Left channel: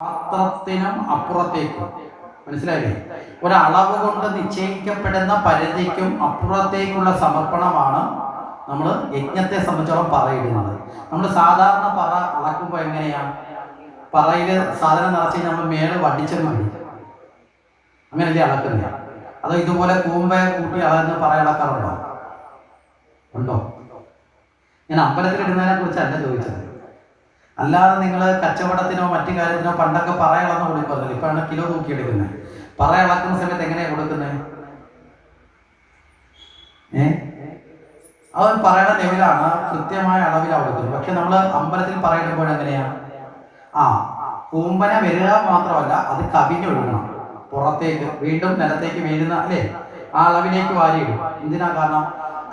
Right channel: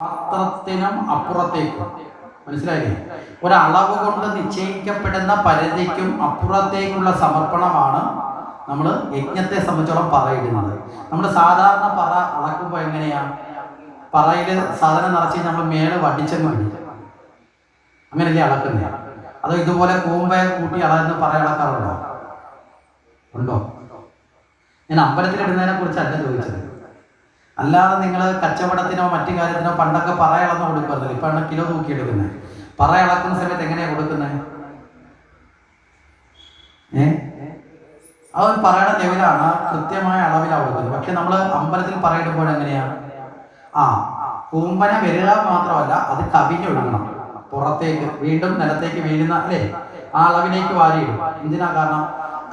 പാത്രത്തിനും അപ്പുറത്തേക്കും. മനസ്സിലായില്ലേ? ഒരളവ് കൊണ്ട് നിശ്ചയിക്കപ്പെടുന്ന പരിധിക്കും അപ്പുറത്തേക്കുള്ള സമർപ്പണമാണ് നമ്മൾ യജ്ഞത്തെ സംബന്ധിച്ചോളം പറയിടുന്നത്. നമ്മൾ സാധാരണ പറ അളക്കുമ്പോൾ എങ്ങനെയാണ് പറയിൽ സാധനം നിറച്ച് നമ്മൾ മേലെ വടിച്ചെന്ന് മതി അങ്ങനെയല്ലേ അളക്കുന്നത്? അതോ ഇതുപോലെ കൂമ്പ കൂട്ടി അളന്ന് പറ അളക്കാറുണ്ടോ? ഉണ്ടോ? ഞാൻ അമ്പലത്തിലിടുന്നതിനെ കുറിച്ചല്ല ചോദിച്ചത്. അല്ലാതെ നിങ്ങൾ കച്ചവടത്തിനോ മറ്റു കാര്യത്തിനോ പണ്ടൊക്കെ പറ ഇളന്ന് കൊടുക്കുമായിരുന്നില്ല ഇപ്പോഴാണ് കിലോ തൂക്കിയെടുക്കുന്നത്. പറ ഇളക്കുന്ന സമയത്ത് എങ്ങനെയാ കൊടുക്കുന്നത് ഏ? അത് പറയുടെ ലെവലാണ്. കൃത്യമായ അളവിലാണ് കൊടുക്കുന്നത്. പക്ഷെ നമ്മൾ അമ്പലത്തിൽ പറയിടുമ്പോൾ എങ്ങനെയാ? ആ കൂമ്പന വരിക മാത്രമല്ല അത് കവിഞ്ഞൊഴുകണം പുറത്തേക്ക് വീണ്ടും നിലത്തേക്ക് വീഴുന്ന അല്ലേ? ആ അളവിലേക്ക് വാരിയിടും. എന്തിനാ കാരണം?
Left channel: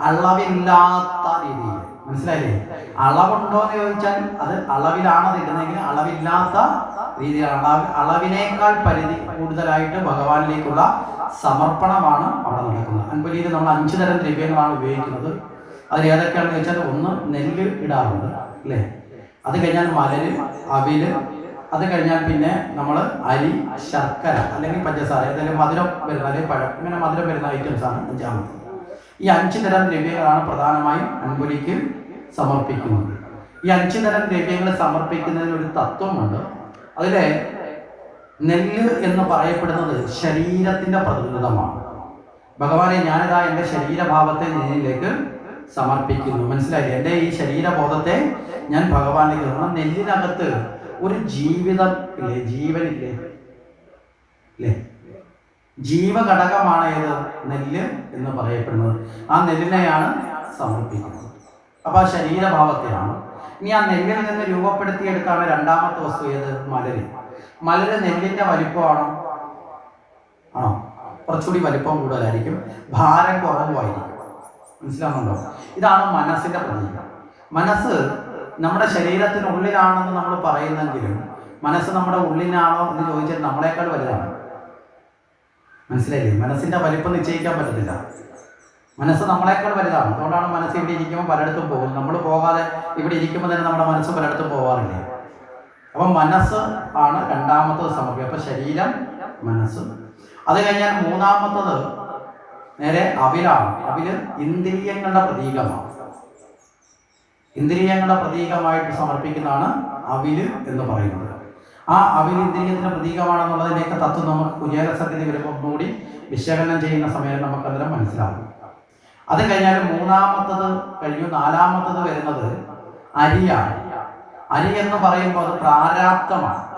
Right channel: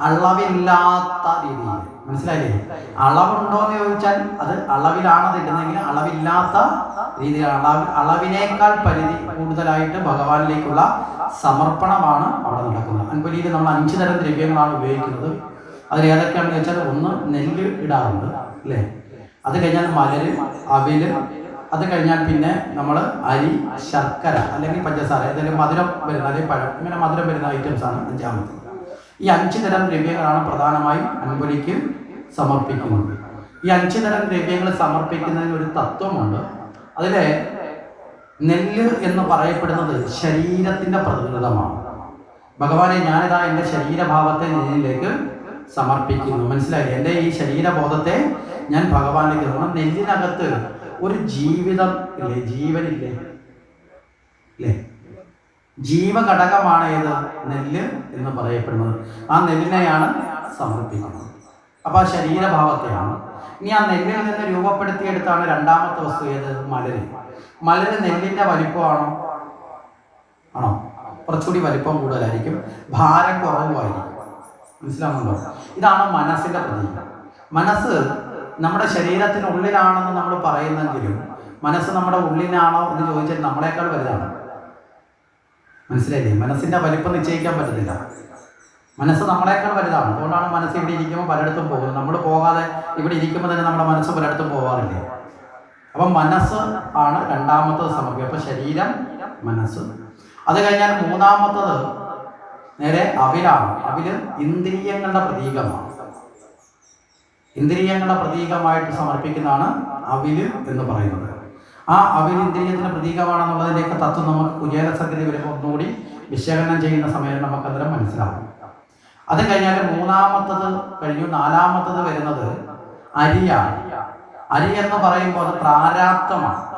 അളവില്ലാത്ത രീതിയിൽ. മനസ്സിലായില്ലേ? അളവുണ്ടോ എന്ന് ചോദിച്ചാൽ അത് അളവിലാണ് അത് അളവില്ലാത്ത രീതിയിലാണ്. അളവ് അളവിനേക്കാൾ പരിധി കൂടുതലായിട്ട് ഭഗവാനിലേക്കുള്ള സമർപ്പണമാണ് അവിടെ നടക്കുന്നത്. അൻപലിയിൽ നമ്മൾ അഞ്ച് തരം ദ്രവ്യങ്ങളാണ് ഉപയോഗിക്കുന്നത്. അതിൽ ഏതൊക്കെയാണെന്ന് വെച്ചാൽ ഒന്ന് നെല്ല് ഇടാറുണ്ട് അല്ലേ? അത് കഴിഞ്ഞാൽ മലര് അവിൽ അത് കഴിഞ്ഞാൽ പിന്നെ നമ്മൾ അരി ശർക്കര അല്ലെങ്കിൽ പഞ്ചസാര ഏതെങ്കിലും മധുരം വരുന്ന അല്ലെങ്കിൽ പഴം ഇങ്ങനെ മധുരം വരുന്ന ഐറ്റംസ് ആണ് അഞ്ചാമത് ഈ അഞ്ച് തരം ദ്രവ്യങ്ങളാണ് പ്രധാനമായും അൻപുലിക്ക് സമർപ്പിക്കുന്നത്. ഈ അഞ്ച് തരം ദ്രവ്യങ്ങൾ സമർപ്പിക്കുന്നതിന് ഒരു തത്വമുണ്ട്. അതിൽ നെല്ല് എന്ന് പറയപ്പെടുന്നത് ശരീരത്തിന്റെ പ്രതിനിധമാണ്. ഭഗവാനെ ഞാനിതാ എന്റെ ശരീരഭാവത്തെ നിന്നിലേക്ക് സമർപ്പിക്കുന്നു. മനസ്സിലായി എന്റെ ഈ ശരീരബോധത്തെ ഞാൻ ഭഗവാനിലേക്ക് നമ്മുടെ നെല്ലിനകത്ത് ഒരു ജീവിതം ഇല്ലേ? ജീവനില്ലേ? അല്ലേ ജീവഘടകമാണ് ഏത്? നെല്ല് എന്ന് പറയപ്പെടുന്നത്. ആ നെല്ലിനെയാണ് സമർപ്പിക്കുന്നത്. അപ്പോൾ ആ ശരീരഭാവത്തെയാണ്. ഇനി ആ നെല്ലിൽ നിന്ന് രൂപപ്പെടുത്തിയെടുത്താണ് രണ്ടാമത്തെ വസ്തു ഏത്? മലര്. മലര് നെല്ലിന്റെ വലിപ്പമാണോ? ആണോ? കുറച്ചുകൂടി വലിപ്പം കൂടുതലായിരിക്കും. ഭാരം കുറവുമായിരിക്കും. മനസ്സിലാവുന്നുണ്ടോ? ഇതാണ് മനസ്സിന്റെ പ്രതീകം. മനസ്സ് നമ്മുടെ ശരീരത്തിനുള്ളിലാണെന്ന് നമ്മൾ പറയുന്നെങ്കിലും മനസ്സ് നമ്മുടെ ഉള്ളിലാണോ എന്ന് ചോദിച്ചാൽ നമ്മളെക്കാൾ വലുതാണ്. മനസ്സിലായില്ലേ? മനസ്സിന്റെ വലിപ്പം നിശ്ചയിക്കാൻ പറ്റത്തില്ല. മനസ്സ് നമ്മളെക്കാൾ വലുതാണ്. അതുകൊണ്ടാണ് മനസ്സ് ഇവിടെ ഇരിക്കുമ്പോൾ പലയിടത്തും പോകുന്നത്. നമ്മൾ പോകാതെ ഇവിടെ ഇരിക്കുമ്പോൾ തന്നെ നമ്മുടെ മനസ്സ് പലയിടത്തും പോകാറില്ലേ അപ്പം മനസ്സ് ആണ് രണ്ടാമത്തത് സമർപ്പിക്കുക അപ്പം ശരീരം മനസ്സ്. അത് കഴിഞ്ഞാൽ മൂന്നാമത്തത് നേരെ അവിലാണ്. അവിൽ ഇന്ദ്രിയങ്ങളുടെ പ്രതീകമാണ്. ഇന്ദ്രിയങ്ങളുടെ പ്രതീകമായിട്ട് സമർപ്പിക്കുന്നതാണ് അവിൽ എന്ന് പറയുന്നത്. ആ അവിൽ ഇന്ദ്രിയത്തിന്റെ പ്രതീകമാണെന്നുള്ളതിന്റെയൊക്കെ തത്വം നമുക്ക് കുചേല സംഗതി വരുമ്പോൾ ഒന്നുകൂടി വിശകലനം ചെയ്യുന്ന സമയം നമുക്ക് അന്നേരം മനസ്സിലാവും. അത് കഴിഞ്ഞാൽ മൂന്നാമത്തത് കഴിഞ്ഞു. നാലാമത്തത് വരുന്നത് അരിയാണ് അരി എന്ന് പറയുമ്പോൾ അത് പ്രാരാബ്ധമാണ്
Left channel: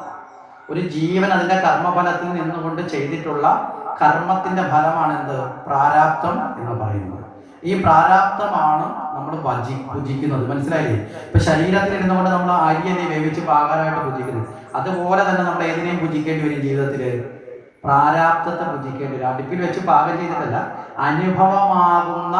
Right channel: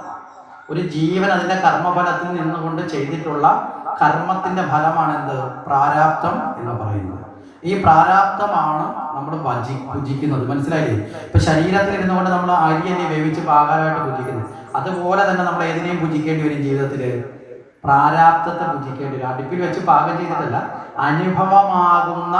ഒരു ജീവൻ അതിന്റെ കർമ്മഫലത്തിൽ നിന്നുകൊണ്ട് ചെയ്തിട്ടുള്ള കർമ്മത്തിന്റെ ഫലമാണെന്ത്? പ്രാരാബ്ധം എന്ന് പറയുന്നത്. ഈ പ്രാരാബ്ദമാണ് നമ്മൾ ഭജി ഭുജിക്കുന്നത്. മനസ്സിലായില്ലേ? ഇപ്പൊ ശരീരത്തിൽ ഇരുന്നുകൊണ്ട് നമ്മൾ അരിയല്ലേ വേവിച്ച് പാകാനായിട്ട് ഭുജിക്കുന്നത് അതുപോലെ തന്നെ നമ്മൾ ഏതിനെയും ഭുജിക്കേണ്ടി വരും ജീവിതത്തിൽ? പ്രാരാബ്ദത്തെ ഭുജിക്കേണ്ടി വരും. അടുപ്പിൽ വെച്ച് പാകം ചെയ്തിട്ടല്ല അനുഭവമാകുന്ന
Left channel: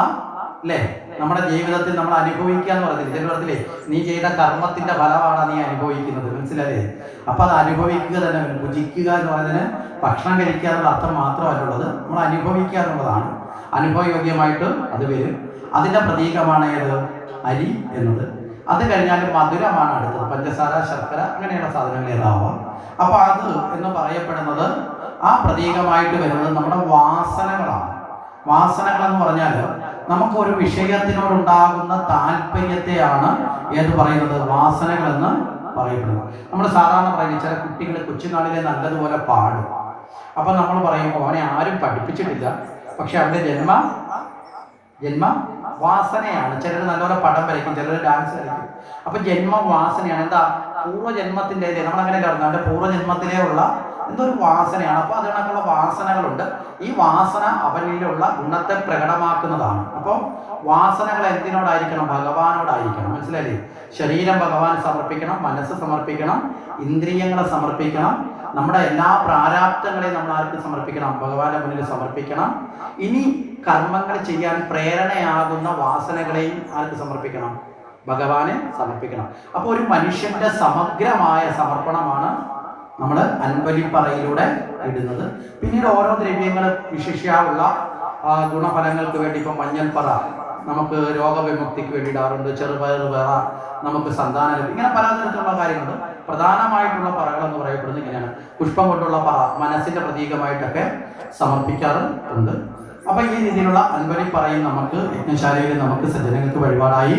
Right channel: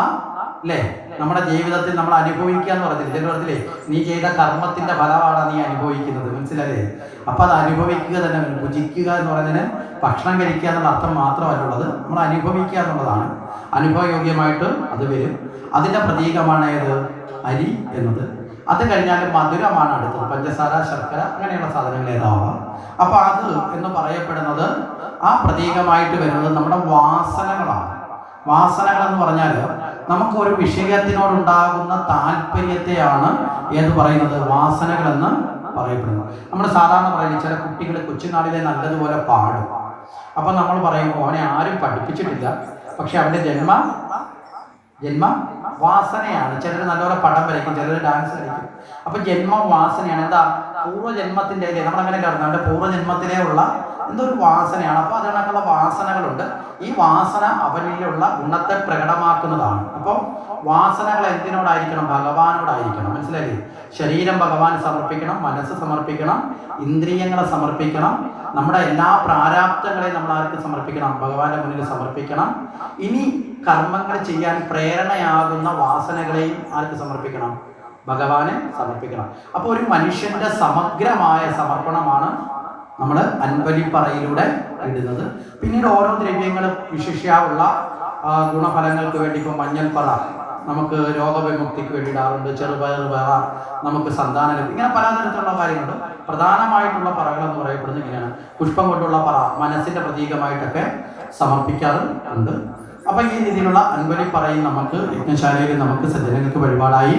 അല്ലേ നമ്മുടെ ജീവിതത്തിൽ നമ്മൾ അനുഭവിക്കുക എന്ന് പറഞ്ഞില്ല പറഞ്ഞില്ലേ നീ ചെയ്ത കർമ്മത്തിന്റെ ഫലമാണ് നീ അനുഭവിക്കുന്നത്. മനസ്സിലല്ലേ അപ്പൊ അത് അനുഭവിക്കുക തന്നെ ഭുജിക്കുക എന്ന് പറയുന്നതിന് ഭക്ഷണം കഴിക്കുക എന്നുള്ള അർത്ഥം മാത്രമല്ലുള്ളത് നമ്മൾ അനുഭവിക്കുക എന്നുള്ളതാണ്. അനുഭവയോഗ്യമായിട്ട് അത് വരും. അതിന്റെ പ്രതീകമാണ് ഏത്? അരി എന്നത്. അത് കഴിഞ്ഞാൽ മധുരമാണ് അടുത്തത്. പഞ്ചസാര ശർക്കര അങ്ങനെയുള്ള സാധനങ്ങൾ ഏതാവാം. അപ്പൊ അത് എന്ന് പറയപ്പെടുന്നത് ആ പ്രതീകമായിട്ട് വരുന്നത് നമ്മുടെ വാസനകളാണ്. വാസനകൾ എന്ന് പറഞ്ഞാൽ നമുക്ക് ഒരു വിഷയത്തിനോടുണ്ടാകുന്ന താല്പര്യത്തെയാണ് എന്ന് പറയുന്നത്? വാസനകൾ എന്ന് പറയപ്പെടുന്നത്. നമ്മൾ സാധാരണ പറയുന്നത് ചില കുട്ടികൾ കൊച്ചുനാളിലെ നല്ലതുപോലെ പാടും. അപ്പം നമ്മൾ പറയുമ്പോൾ അവനെ ആരും പഠിപ്പിച്ചിട്ടില്ല. പക്ഷെ അവന്റെ ജന്മ ജന്മ വാസനയാണ്. ചിലർ നല്ലപോലെ പടം വരയ്ക്കും ചിലർ ഡാൻസ് കളിക്കും. അപ്പം ജന്മ വാസനയാണ് എന്താ? പൂർവജന്മത്തിന്റെ നമ്മൾ അങ്ങനെ പറഞ്ഞത്? അവന്റെ പൂർവജന്മത്തിലേ ഉള്ള എന്തോ ഒരു വാസനയാണ് അപ്പോൾ അതിനൊക്കെയുള്ള വാസനകളുണ്ട്. ഈ വാസന അവനിലുള്ള ഗുണത്തെ പ്രകടമാക്കുന്നതാണ്. അപ്പോൾ വാസനകൾ എന്തിനോടായിരിക്കണം? ഭഗവാനോടായിരിക്കണം. മനസ്സിലായില്ലേ? ശരീരം ഭഗവാന് സമർപ്പിക്കണം മനസ്സ് സമർപ്പിക്കണം ഇന്ദ്രിയങ്ങളെ സമർപ്പിക്കണം. നമ്മുടെ എല്ലാ പ്രാരാബ്ദങ്ങളെയും നമ്മൾ ആർക്ക് സമർപ്പിക്കണം? ഭഗവാന്റെ മുന്നിൽ സമർപ്പിക്കണം. ഇനി കർമ്മങ്ങൾ ചെയ്യാൻ പ്രേരണയാകുന്ന വാസനകളെയും ആർക്ക് സമർപ്പിക്കണം? ഭഗവാന് സമർപ്പിക്കണം. അപ്പോൾ ഒരു മനുഷ്യന്റെ സമഗ്രമായ സമർപ്പണമാണ് നമ്മൾ അൻപലിപ്പറയിലൂടെ ഇടുന്നത്. പിന്നീട് ഓരോ ദ്രവ്യങ്ങളും വിശിഷ്യാവുള്ള ഗുണഫലങ്ങൾക്ക് വേണ്ടി ഇപ്പം മഞ്ഞൾപ്പറ നമുക്ക് രോഗവിമുക്തിക്ക് വേണ്ടി ഇടാറുണ്ട്. ചെറുപയർ വേറ നമുക്ക് സന്താന ലഭിക്കും. ഇങ്ങനെ പലതരത്തിലുള്ള കാര്യങ്ങളുണ്ട്. പ്രധാനമായിട്ടുള്ള പറകൾ എന്ന് പറയപ്പെടുന്നത് ഇങ്ങനെയാണ്. പുഷ്പം കൊണ്ടുള്ള പറ മനസ്സിന്റെ പ്രതീകമായിട്ടൊക്കെ സമർപ്പിക്കാറുണ്ട്. അപ്പൊ ഈ രീതിയിലുള്ള അൻപലി പറയും നമുക്ക് യജ്ഞശാലയിൽ നമുക്ക് സജ്ജനങ്ങൾക്ക് വഴിപാടായി